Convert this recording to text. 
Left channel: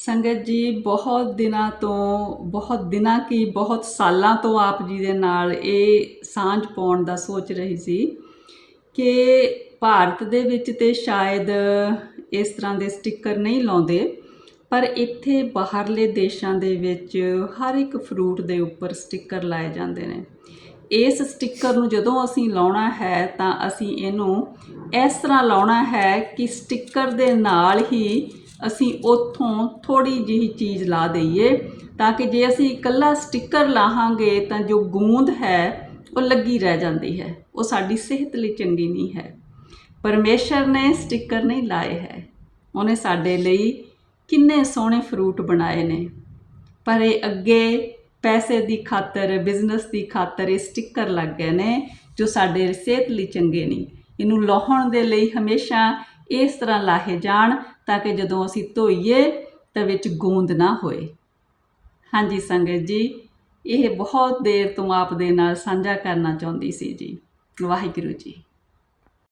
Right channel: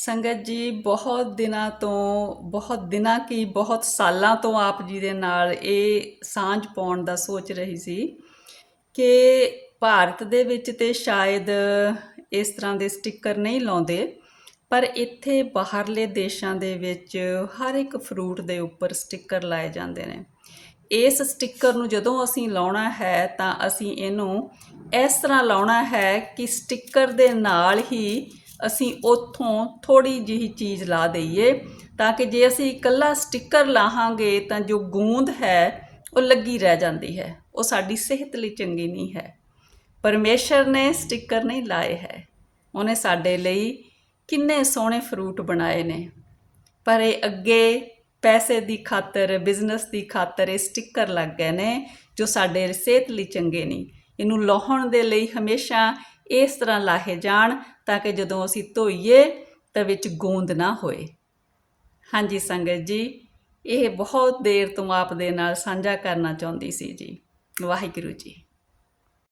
ਸੰਗਤ ਜੀ, ਬਹੁਤ ਦਿਨਾਂ ਤੋਂ, ਬਹੁਤ ਦਿਨਾਂ ਕੀ, ਬਹੁਤ ਸਾਲਾਂ ਤੋਂ ਆਪ ਜੀ ਦੇ ਨਾਲ ਇਹ ਸਾਂਝ ਪਾਉਣ ਦਾ ਸੋਚ ਰਹੀ ਸੀ ਕਿ ਭਾਰਤ ਦੇ ਵਿੱਚ ਤੇ ਸ਼ਾਇਦ ਇਸ ਤਰ੍ਹਾਂ ਦੇ ਸਟicker ਨਹੀਂ ਲਾਉਂਦੇ, ਪਰ ਇੱਥੇ ਬਾਹਰਲੇ ਦੇਸ਼ਾਂ ਦੇ ਵਿੱਚ ਹਰ ਇੱਕ ਫਰੂਟ ਦੇ ਉੱਪਰ ਸਟicker ਲਾਏ ਜਾਂਦੇ ਨੇ। ਇਸ ਸਟicker ਨੂੰ ਜਦੋਂ ਅਸੀਂ ਲਾਉਣਾ ਹੈ ਤਾਂ ਅਸੀਂ ਇਹਨੂੰ ਇਸ ਤਰ੍ਹਾਂ ਲਾਉਣਾ ਹੈ ਕਿ ਸਟicker ਦੇ ਨਾਲ ਹੀ ਅਸੀਂ ਉੱਥੋਂ ਥੋੜੀ ਜਿਹੀ ਚੀਜ਼ ਲਾ ਦਈਏ ਤਾਂ ਕਿ ਜੇ ਅਸੀਂ ਇਕੱਲਾ ਸਟicker ਲਾਹਾਂਗੇ ਤਾਂ ਜੋ ਗੂੰਦ ਹੈ, ਉਹ ਲੱਗੀ ਰਹਿ ਜਾਂਦੀ ਹੈ। ਉਹ ਸਾਡੀ ਸਿਹਤ ਲਈ ਚੰਗੀ ਨਹੀਂ ਹੈ। ਪਰਮੇਸ਼ਰ ਨੇ ਸਟicker ਨਹੀਂ ਲਾਏ ਹੈ। ਉਹਨੇ ਸਾਡੇ ਲਈ ਕਿੰਨੇ ਸੋਹਣੇ ਫਰੂਟ ਬਣਾਏ ਨੇ। ਪਰ ਇਹ ਅੱਗੇ ਪੈਸੇ ਦੀ ਖਾਤਰ, ਬਿਜ਼ਨਸ ਦੀ ਖਾਤਰ ਇਹ ਸਟicker ਲੱਗ ਗਏ ਨੇ ਜੋ ਸਾਡੇ ਸਿਹਤ ਲਈ ਚੰਗੇ ਨਹੀਂ। ਇਹਨੂੰ ਲਾਹਣ ਦੇ ਲਈ ਹਮੇਸ਼ਾ ਇਸ ਤਰ੍ਹਾਂ ਲਾਹੇ ਜਾਣ ਤਾਂ ਕਿ ਜਦੋਂ ਅਸੀਂ ਧੋਈਏ ਤਾਂ ਵਿੱਚ ਗੂੰਦ ਨਾ ਹੋਏ। ਹਾਂਜੀ ਸੰਗਤ ਜੀ, ਇਹ ਬਹੁਤ ਦੇਰ ਤੋਂ ਆਪ ਦੇ ਨਾਲ ਸਾਂਝਾ ਕਰਨਾ ਚਾਹੁੰਦੀ ਸੀ ਜੀ। ਵਾਹਿਗੁਰੂ ਜੀ।